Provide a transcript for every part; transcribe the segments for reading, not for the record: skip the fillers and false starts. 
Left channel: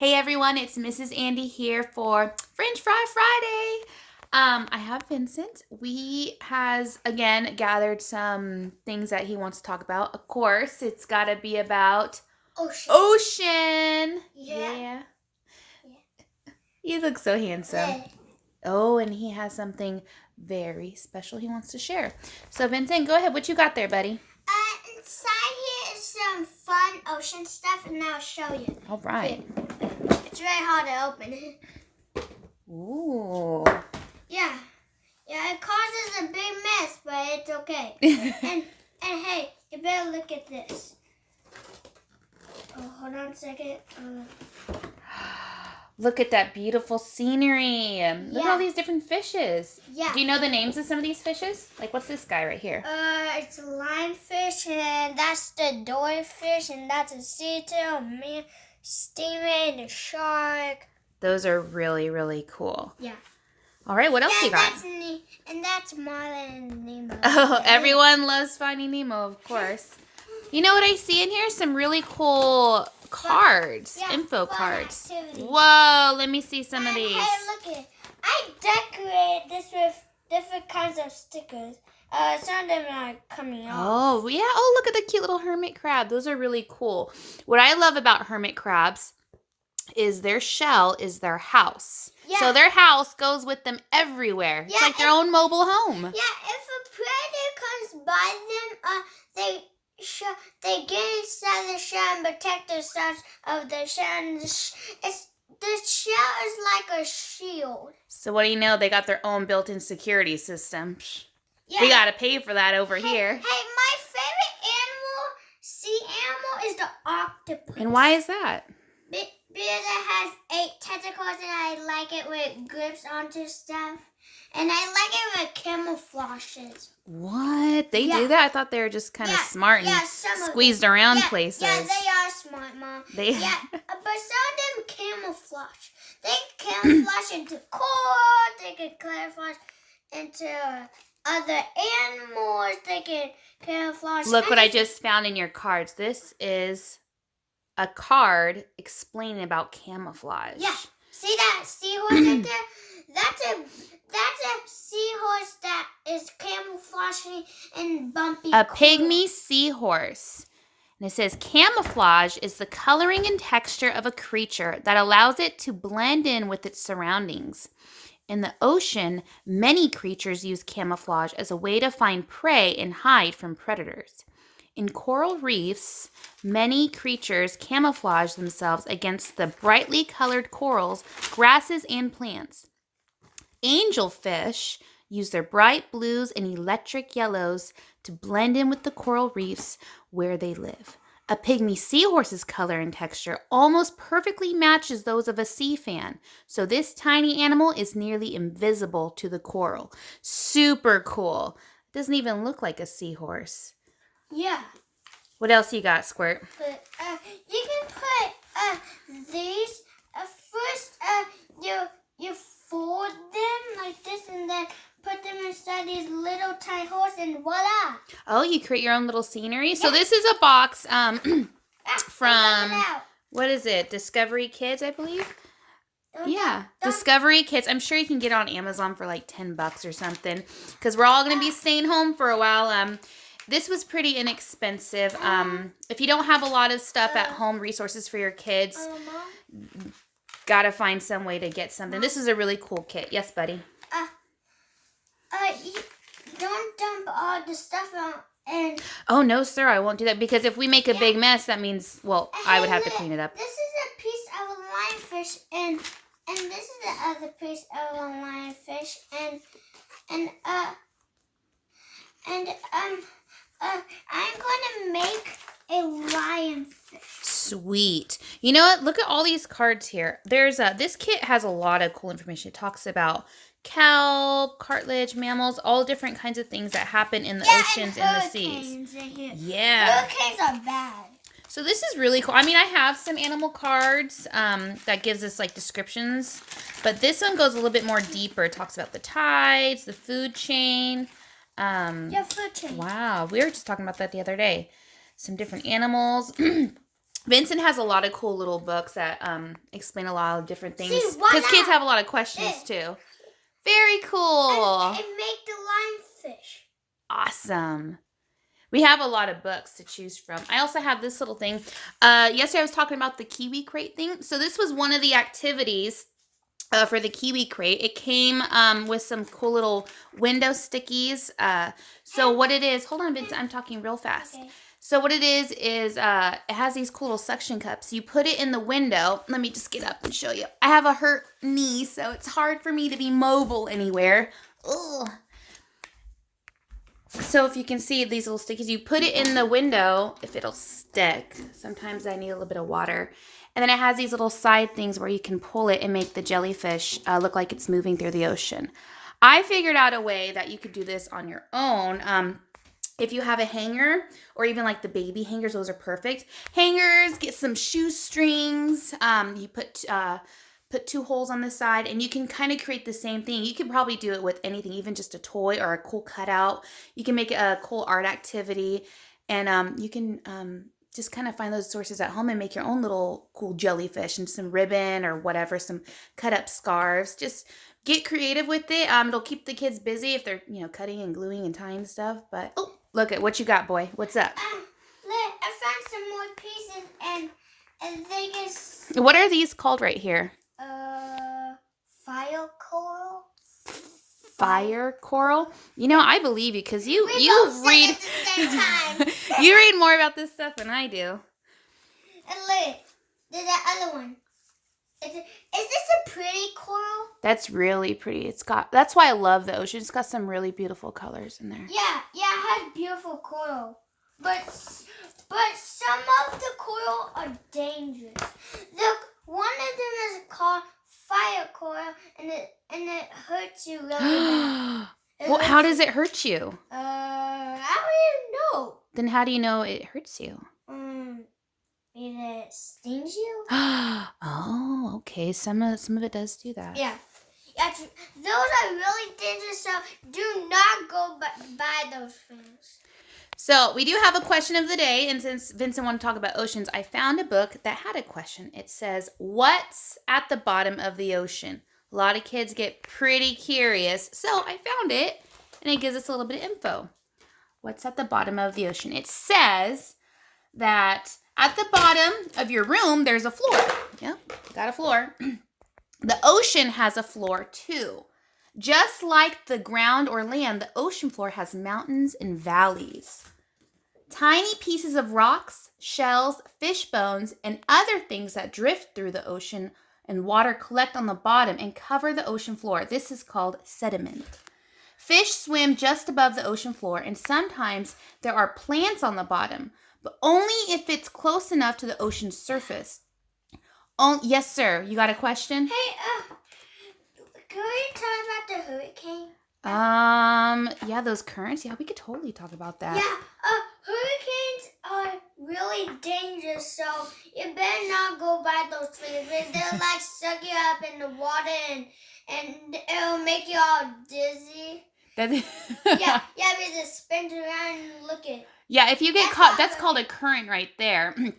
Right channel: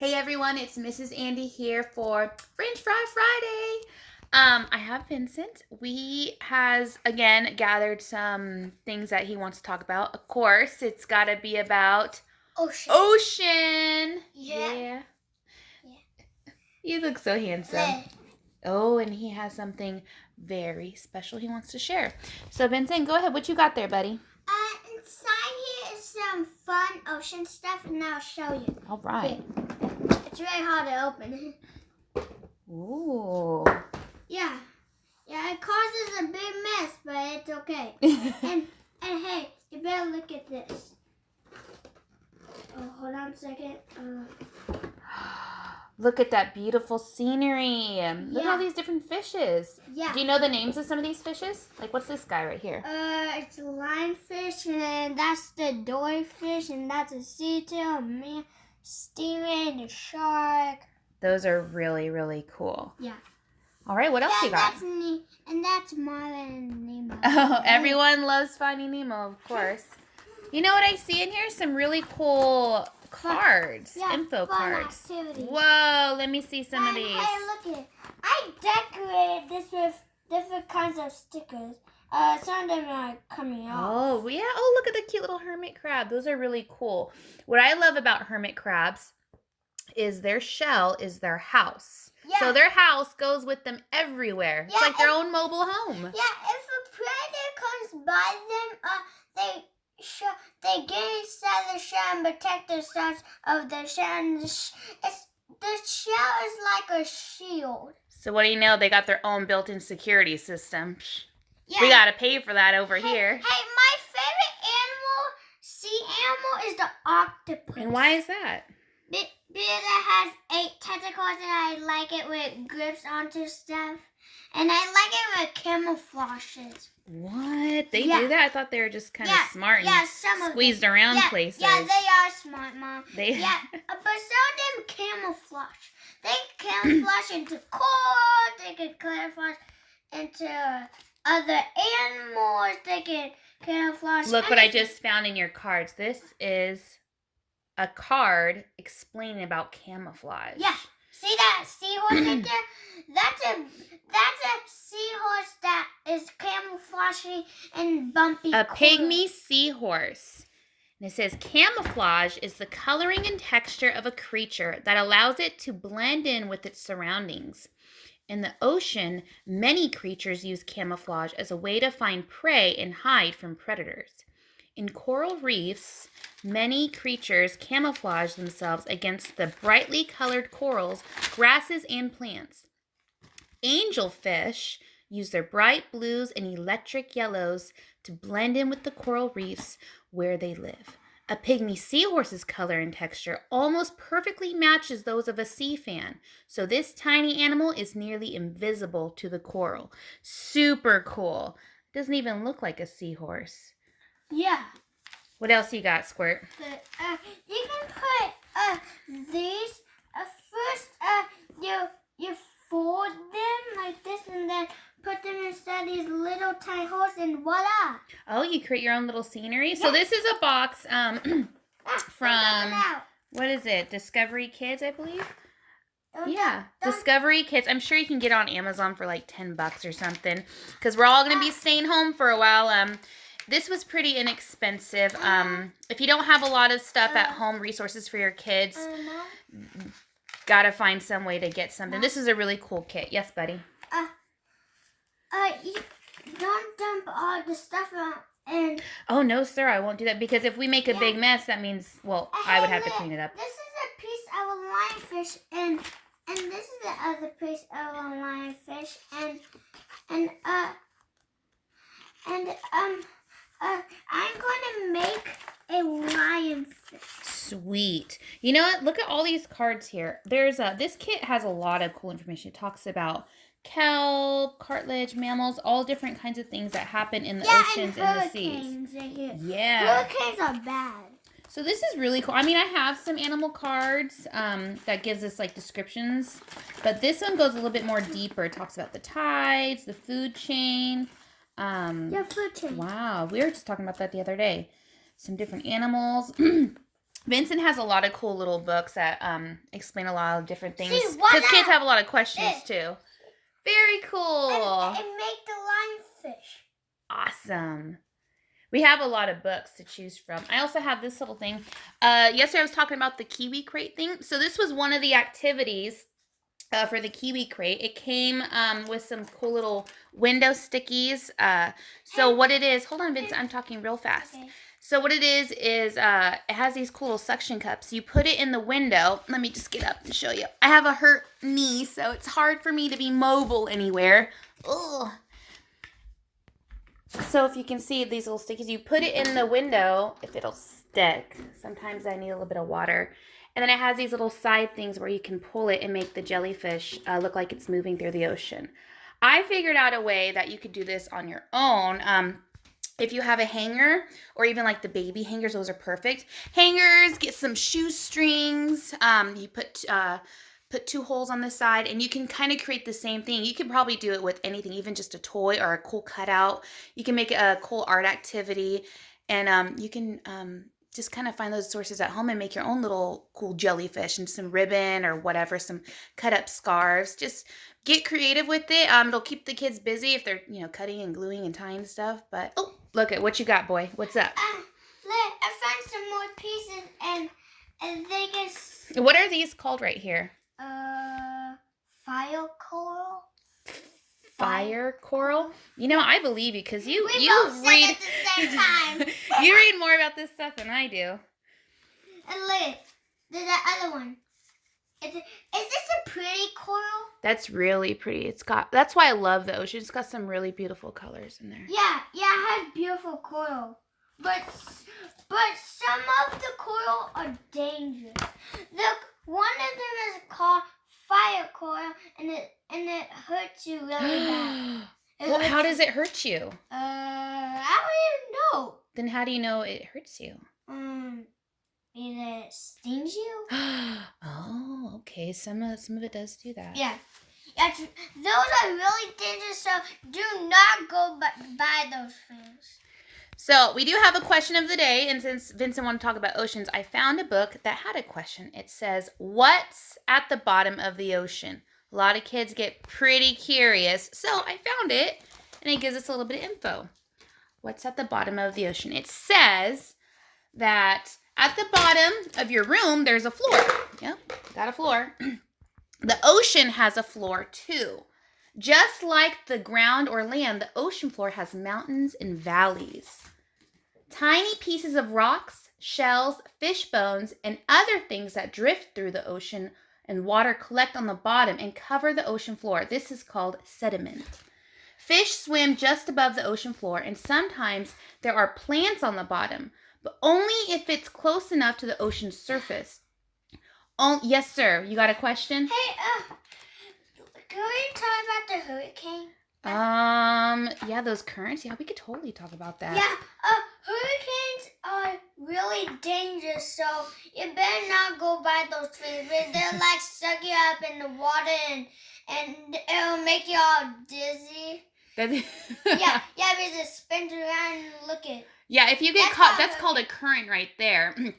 Hey everyone, it's Mrs. Andy here for French Fry Friday. I have Vincent. We has again gathered some things that he wants to talk about. Of course, it's got to be about Ocean. ocean. Yeah. You look so handsome. Hey. Oh, and he has something very special he wants to share. So Vincent, go ahead. What you got there, buddy? Inside here is some fun ocean stuff, and I'll show you. All right. It's very hard to open. Ooh. Yeah, it causes a big mess, but it's okay. and hey, you better look at this. Oh, hold on a second. Look at that beautiful scenery. Look at all these different fishes. Yeah. Do you know the names of some of these fishes? Like, what's this guy right here? It's a lionfish, and that's the doryfish, and that's a sea turtle, man, stingray, the shark. Those are really, really cool. Yeah. All right, what else you got? That's Marlin and Nemo. Oh, everyone loves Finding Nemo, of course. You know what I see in here? Some really cool cards, info cards. Activities. Whoa, let me see some of these. Hey, look at it. I decorated this with different kinds of stickers. Some of them are coming off. Oh, yeah. Oh, look at the cute little hermit crab. Those are really cool. What I love about hermit crabs is their shell is their house. Yeah. So their house goes with them everywhere. It's like their own mobile home. Yeah, if a predator comes by them, they get inside the shell and protect themselves of the shell. The shell is like a shield. So what do you know? They got their own built-in security system. Yeah. We gotta pay for that over here. Hey, my favorite sea animal, is the octopus. And why is that? Because it has 8 tentacles, and I like it with grips onto stuff. And I like it with camouflages. What? They do that? I thought they were just kind of smart and squeezed around places. Yeah, they are smart, Mom. But some of them camouflage. They camouflage into corals. They can camouflage into other animals. They can camouflage. Look what I just found in your cards. This is a card explaining about camouflage. Yeah. See that seahorse right there? That's a seahorse that is camouflaging and bumpy. A pygmy seahorse. And it says camouflage is the coloring and texture of a creature that allows it to blend in with its surroundings. In the ocean, many creatures use camouflage as a way to find prey and hide from predators. In coral reefs, many creatures camouflage themselves against the brightly colored corals, grasses, and plants. Angelfish use their bright blues and electric yellows to blend in with the coral reefs where they live. A pygmy seahorse's color and texture almost perfectly matches those of a sea fan, so this tiny animal is nearly invisible to the coral. Super cool. Doesn't even look like a seahorse. Yeah. What else you got, Squirt? But you can put these first. You fold them like this, and then put them inside these little tiny holes, and voila! Oh, you create your own little scenery. Yeah. So this is a box from what is it? Discovery Kids, I believe. Discovery Kids. I'm sure you can get it on Amazon for like $10 or something, because we're all gonna be staying home for a while. This was pretty inexpensive. If you don't have a lot of stuff at home, resources for your kids, gotta find some way to get something. This is a really cool kit. Yes, buddy? Don't dump all the stuff out and... Oh, no, sir. I won't do that, because if we make a big mess, that means, well, I would have to clean it up. This is a piece of a lionfish, and this is the other piece of a lionfish, I'm going to make a lionfish. Sweet. You know what? Look at all these cards here. This kit has a lot of cool information. It talks about kelp, cartilage, mammals, all different kinds of things that happen in the oceans and the seas. Right here. Yeah. Hurricanes are bad. So this is really cool. I mean, I have some animal cards that gives us like descriptions, but this one goes a little bit more deeper. It talks about the tides, the food chain. Food chain. Wow, we were just talking about that the other day. Some different animals. Vincent has a lot of cool little books that explain a lot of different things. See, why Because kids not? have a lot of questions too. Very cool. And make the lionfish. Awesome. We have a lot of books to choose from. I also have this little thing. Yesterday I was talking about the Kiwi Crate thing. So this was one of the activities for the Kiwi Crate. It came with some cool little window stickies. So what it is, hold on, Vincent, I'm talking real fast. Okay. So what it is it has these cool little suction cups. You put it in the window. Let me just get up and show you. I have a hurt knee, so it's hard for me to be mobile anywhere. Ugh. So if you can see these little stickies, you put it in the window if it'll stick. Sometimes I need a little bit of water. And then it has these little side things where you can pull it and make the jellyfish look like it's moving through the ocean. I figured out a way that you could do this on your own. If you have a hanger or even like the baby hangers, those are perfect. Hangers, get some shoestrings. You put 2 holes on the side and you can kind of create the same thing. You can probably do it with anything, even just a toy or a cool cutout. You can make it a cool art activity, and you can just kind of find those sources at home and make your own little cool jellyfish and some ribbon or whatever, some cut up scarves. Just get creative with it. It'll keep the kids busy if they're, cutting and gluing and tying stuff. But oh, look at what you got, boy. What's up? I found some more pieces and they just. What are these called right here? Fire coral. Fire coral? I believe you because you both read said it at the same time. you read more about this stuff than I do. And look, there's that other one. Is this a pretty coral? That's really pretty. That's why I love the ocean. It's got some really beautiful colors in there. Yeah, it has beautiful coral. But some of the coral are dangerous. Look, one of them is called fire coral, and it hurts you really bad. Well, how does it hurt you? I don't even know. Then how do you know it hurts you? It stings you. Oh, okay. Some of it does do that. Yeah. Those are really dangerous, so do not go buy those things. So we do have a question of the day, and since Vincent wanted to talk about oceans, I found a book that had a question. It says, "What's at the bottom of the ocean?" A lot of kids get pretty curious, so I found it, and it gives us a little bit of info. What's at the bottom of the ocean? It says that at the bottom of your room, there's a floor. Yep, got a floor. The ocean has a floor too. Just like the ground or land, the ocean floor has mountains and valleys. Tiny pieces of rocks, shells, fish bones, and other things that drift through the ocean and water collect on the bottom and cover the ocean floor. This is called sediment. Fish swim just above the ocean floor, and sometimes there are plants on the bottom, but only if it's close enough to the ocean's surface. Oh, yes, sir. You got a question? Hey, can we talk about the hurricane? Yeah, those currents. Yeah, we could totally talk about that. Yeah, hurricanes are really dangerous, so you better not go by those things. They'll like suck you up in the water and it'll make you all dizzy. yeah, because it spins around and look at. Yeah, if you get caught, that's called a current right there. Yeah.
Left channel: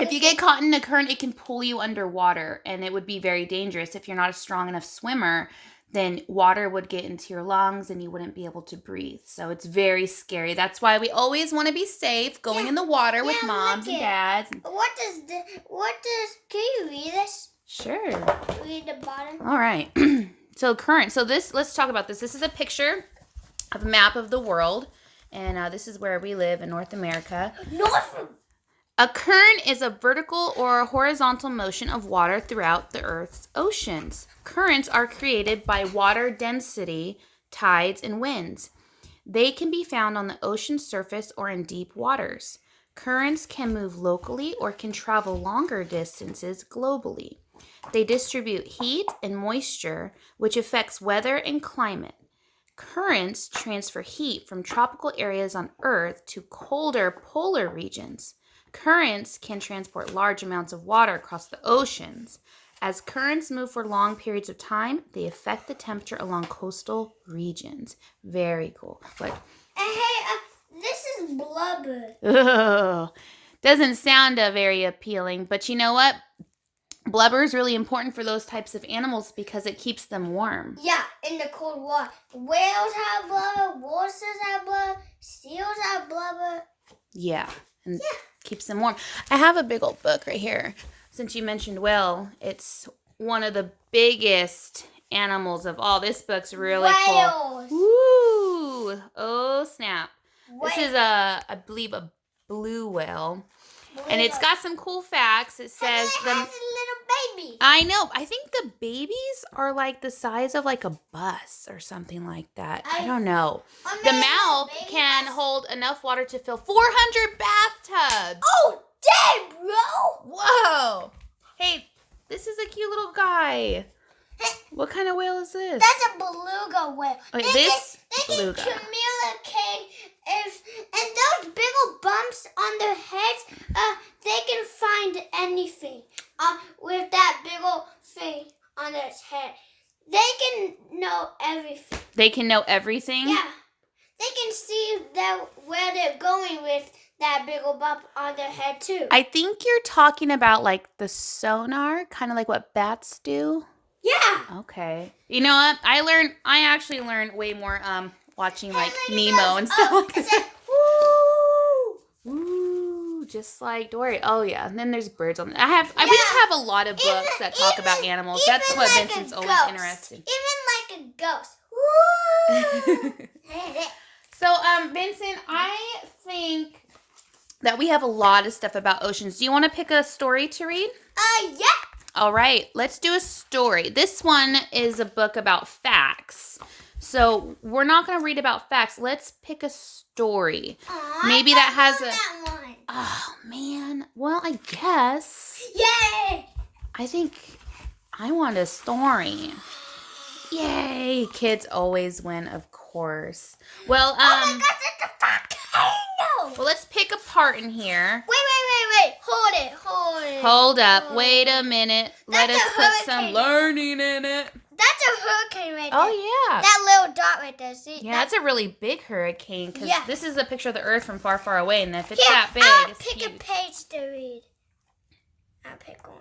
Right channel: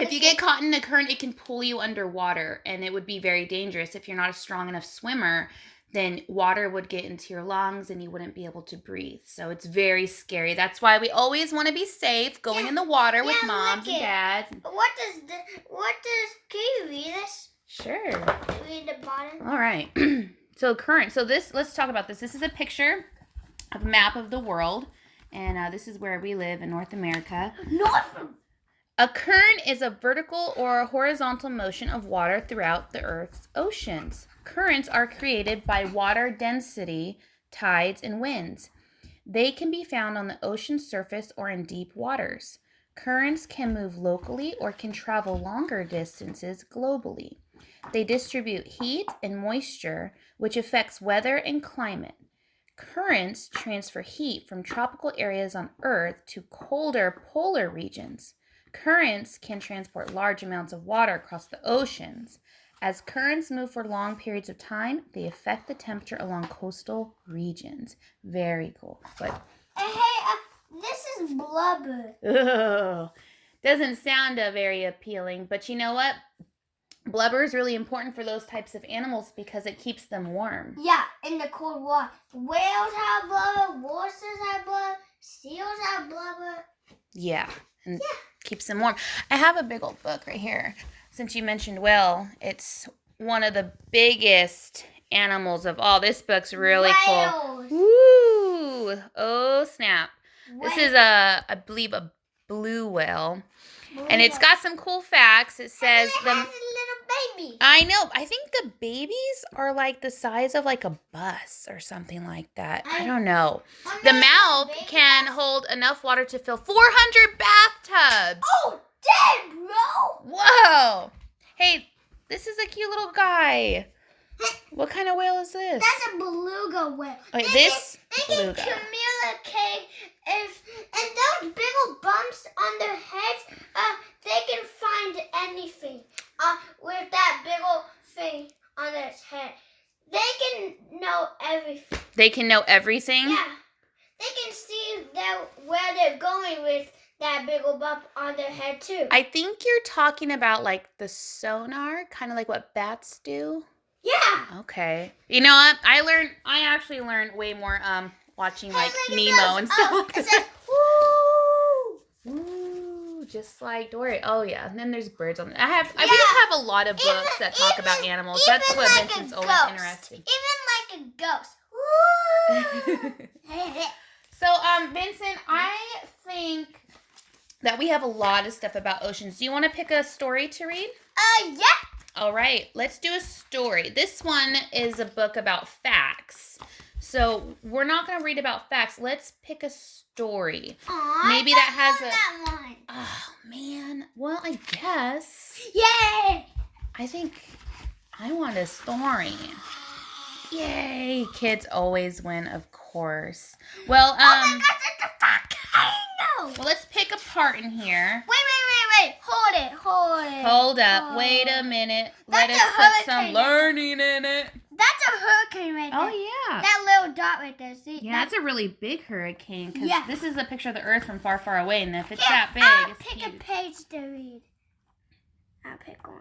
If you get caught in a current, it can pull you underwater, and it would be very dangerous. If you're not a strong enough swimmer, then water would get into your lungs and you wouldn't be able to breathe. So it's very scary. That's why we always want to be safe going in the water with moms and dads. Can you read this? Sure. Read the bottom. All right. So current. So let's talk about this. This is a picture of a map of the world. And this is where we live in North America. A current is a vertical or horizontal motion of water throughout the Earth's oceans. Currents are created by water density, tides, and winds. They can be found on the ocean surface or in deep waters. Currents can move locally or can travel longer distances globally. They distribute heat and moisture, which affects weather and climate. Currents transfer heat from tropical areas on Earth to colder polar regions. Currents can transport large amounts of water across the oceans. As currents move for long periods of time, they affect the temperature along coastal regions. Very cool. But hey, this is blubber. Ugh. Doesn't sound very appealing, but you know what? Blubber is really important for those types of animals because it keeps them warm. Yeah, in the cold water. Whales have blubber, walruses have blubber, seals have blubber. Yeah, and keeps them warm. I have a big old book right here. Since you mentioned whale, it's one of the biggest animals of all. This book's really cool. Woo! Oh, snap. This is I believe, a blue whale. And it's got some cool facts. It says and it has a little baby. I know. I think the babies are like the size of like a bus or something like that. I don't know. The mouth can hold enough water to fill 400 bathtubs. Oh, dang, bro. Whoa. Hey, this is a cute little guy. What kind of whale is this? That's a beluga whale. Okay, this beluga. They can communicate and those big old bumps on their heads, they can find anything with that big old thing on its head. They can know everything. They can know everything? Yeah. They can see where they're going with that big old bump on their head, too. I think you're talking about like the sonar, kind of like what bats do. Yeah. Okay. You know what? I actually learned way more watching like Nemo and stuff. It says, woo! Ooh, just like Dory. Oh yeah. And then there's birds on. We just have a lot of books that talk about animals. That's what like Vincent's always interesting. Even like a ghost. Woo! So, Vincent, I think that we have a lot of stuff about oceans. Do you want to pick a story to read? Yeah. All right, let's do a story. This one is a book about facts. So we're not going to read about facts. Let's pick a story. Aww, maybe that has that one. Oh, man. Well, I guess. Yay! I think I want a story. Yay. Kids always win, of course. Well, oh my gosh, it's a volcano! Well, let's pick a part in here. Wait. Hold it. Hold up. Wait a minute. Let us put some learning in it. That's a hurricane right there. Oh, yeah. That little dot right there. See? Yeah, that's a really big hurricane because this is a picture of the Earth from far, far away. And if it's that big, I'll it's pick huge. a page to read. I'll pick one.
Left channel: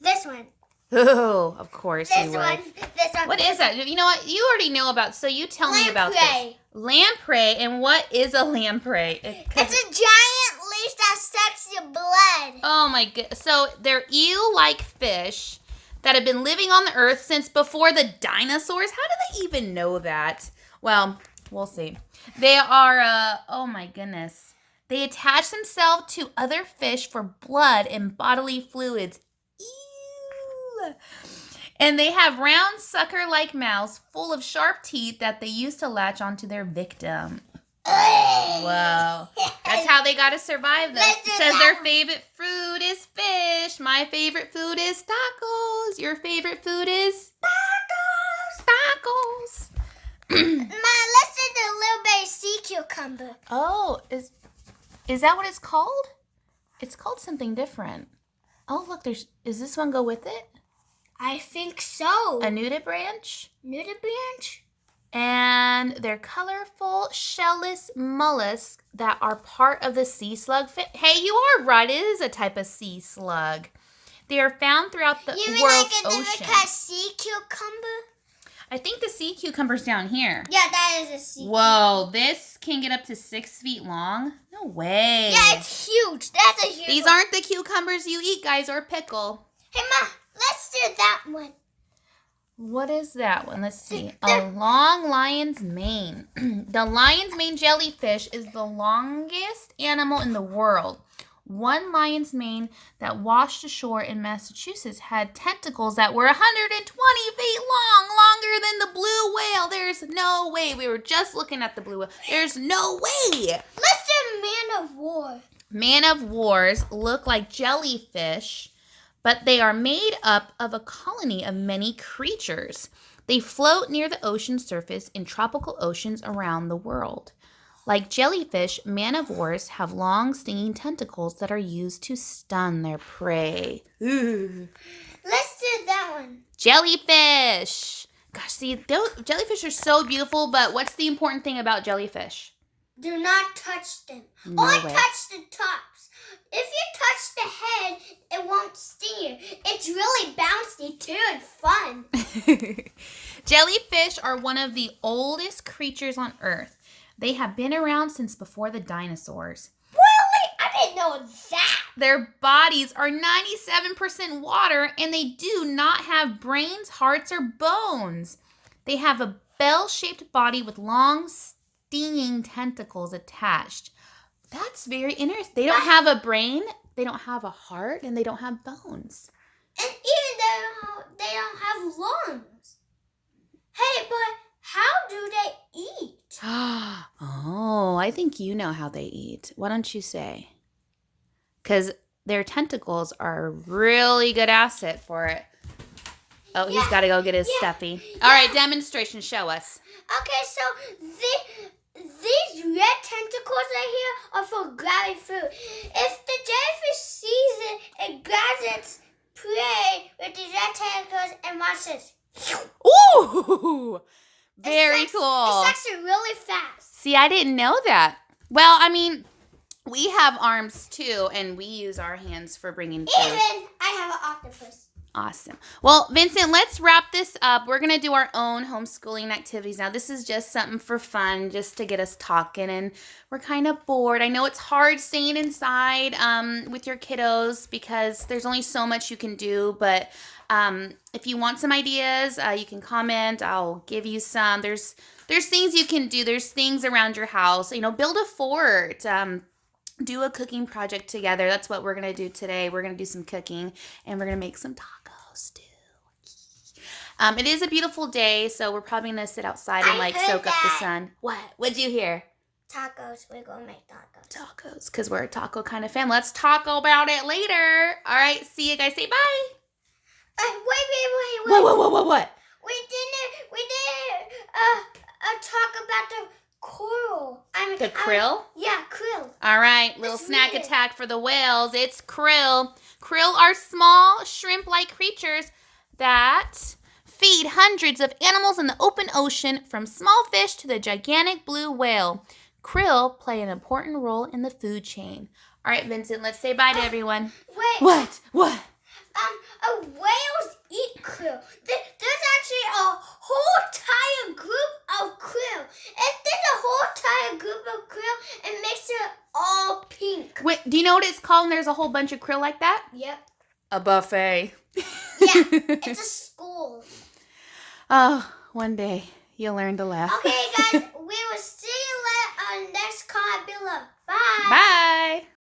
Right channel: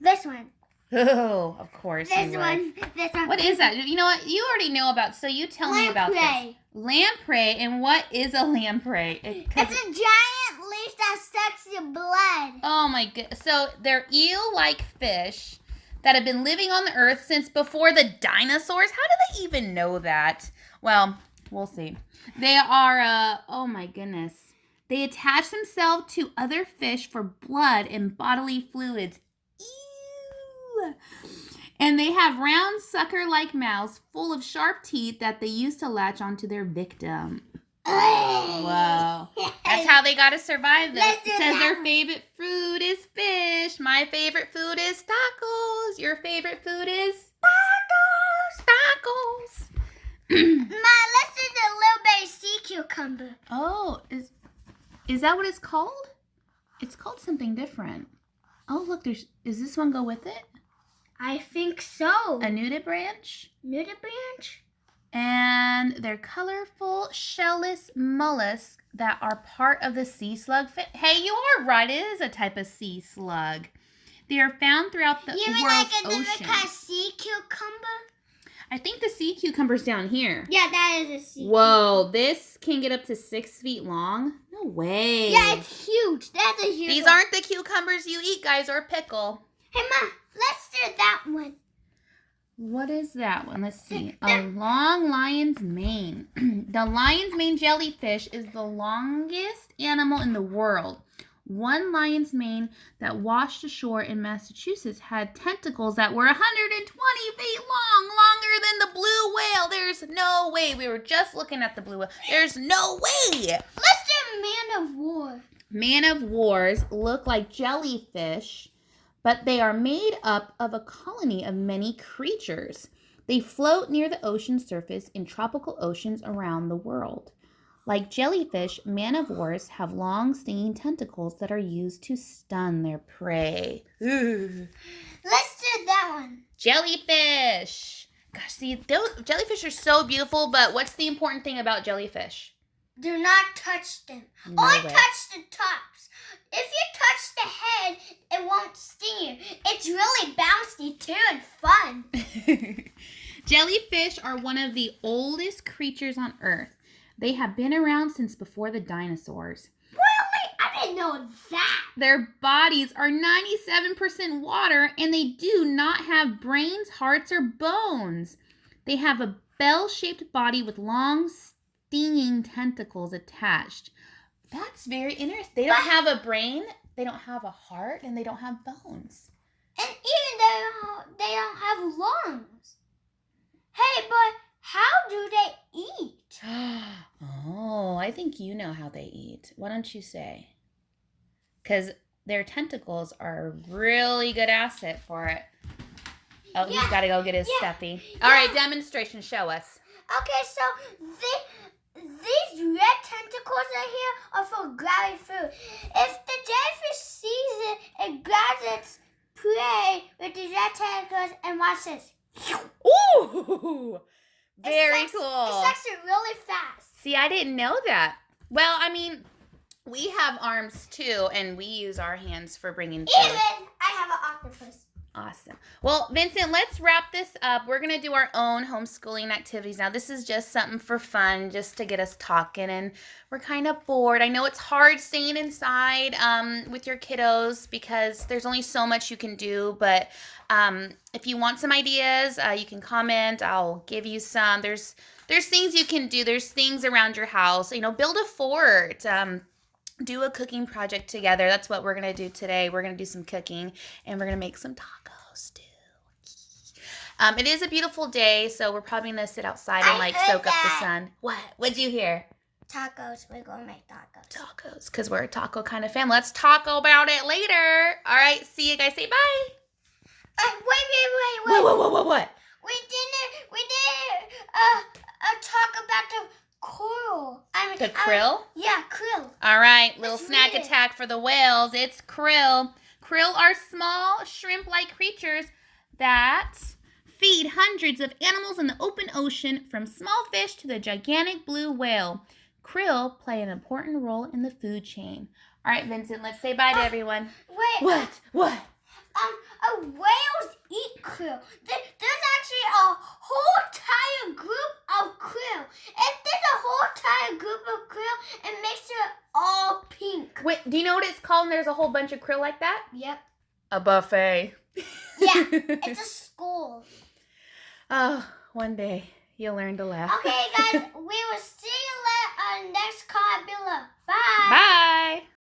This one. Oh, of course you would. This one. What is that? You know what? You already know about, so you tell me about this. Lamprey. And what is a lamprey? It's a giant leech that sucks your blood. Oh my god. So they're eel-like fish that have been living on the earth since before the dinosaurs. How do they even know that? Well, we'll see. They are, oh my goodness. They attach themselves to other fish for blood and bodily fluids. Ew. And they have round sucker-like mouths full of sharp teeth that they use to latch onto their victim. Wow. That's how they got to survive this. It says their favorite food is fish. My favorite food is tacos. Your favorite food is? Tacos. Ma, let's do the little baby sea cucumber. Oh, is that what it's called? It's called something different. Oh, look, is this one go with it? I think so. A nudibranch? Nudibranch? And they're colorful, shellless mollusks that are part of the sea slug. Hey, you are right. It is a type of sea slug. They are found throughout the world's ocean. Sea cucumber? I think the sea cucumber's down here. Yeah, that is a sea cucumber. Whoa, this can get up to 6 feet long? No way. Yeah, it's huge. That's a huge These one. aren't the cucumbers you eat, guys, or pickle. Hey, Ma, let's do that one. What is that one? Let's see. A long lion's mane. The lion's mane jellyfish is the longest animal in the world. One lion's mane that washed ashore in Massachusetts had tentacles that were 120 feet long, longer than the blue whale. There's no way. We were just looking at the blue whale. There's no way. Let's do Man of War. Man of Wars look like jellyfish, but they are made up of a colony of many creatures. They float near the ocean surface in tropical oceans around the world. Like jellyfish, man-of-wars have long, stinging tentacles that are used to stun their prey. Ooh. Let's do that one. Jellyfish. Gosh, see, jellyfish are so beautiful, but what's the important thing about jellyfish? Do not touch them. No Only way. touch the tops. if you touch the head, it won't sting you. It's really bouncy too and fun. Jellyfish are one of the oldest creatures on Earth. They have been around since before the dinosaurs. Really? I didn't know that. Their bodies are 97% water, and they do not have brains, hearts, or bones. They have a bell-shaped body with long, stinging tentacles attached. That's very interesting. They don't have a brain, they don't have a heart, and they don't have bones. And even though they don't have lungs. Hey, but how do they eat? Oh, I think you know how they eat. Why don't you say? Because their tentacles are a really good asset for it. Oh, yeah. He's got to go get his stuffy. All right, demonstration. Show us. Okay, so these red tentacles right here are for grabbing food. If the jellyfish sees it, it grabs its prey with these red tentacles and watches. Ooh! Very cool. It's actually really fast. See, I didn't know that. Well, I mean, we have arms too, and we use our hands for bringing food. Even I have an octopus. Awesome. Well, Vincent, let's wrap this up. We're going to do our own homeschooling activities. Now, this is just something for fun, just to get us talking, and we're kind of bored. I know it's hard staying inside with your kiddos because there's only so much you can do, but if you want some ideas, you can comment. I'll give you some. There's things you can do. There's things around your house. You know, build a fort. Do a cooking project together. That's what we're going to do today. We're going to do some cooking, and we're going to make some tacos too. It is a beautiful day, so we're probably going to sit outside and soak up the sun. What? What'd you hear? Tacos. We're going to make tacos. Tacos, because we're a taco kind of family. Let's talk about it later. All right, see you guys. Say bye. Wait. What? We didn't talk about the coral. The krill? Yeah, krill. All right, little snack attack for the whales. It's krill. Krill are small shrimp-like creatures that feed hundreds of animals in the open ocean, from small fish to the gigantic blue whale. Krill play an important role in the food chain. All right, Vincent, let's say bye to everyone. Wait. What? Whales eat krill. There's actually a whole entire group of krill. If there's a whole entire group of krill, it makes it all pink. Wait, do you know what it's called? And there's a whole bunch of krill like that? Yep. A buffet. Yeah, it's a school. Oh, one day you'll learn to laugh. Okay, guys, we will see you next comment below. Bye. Bye.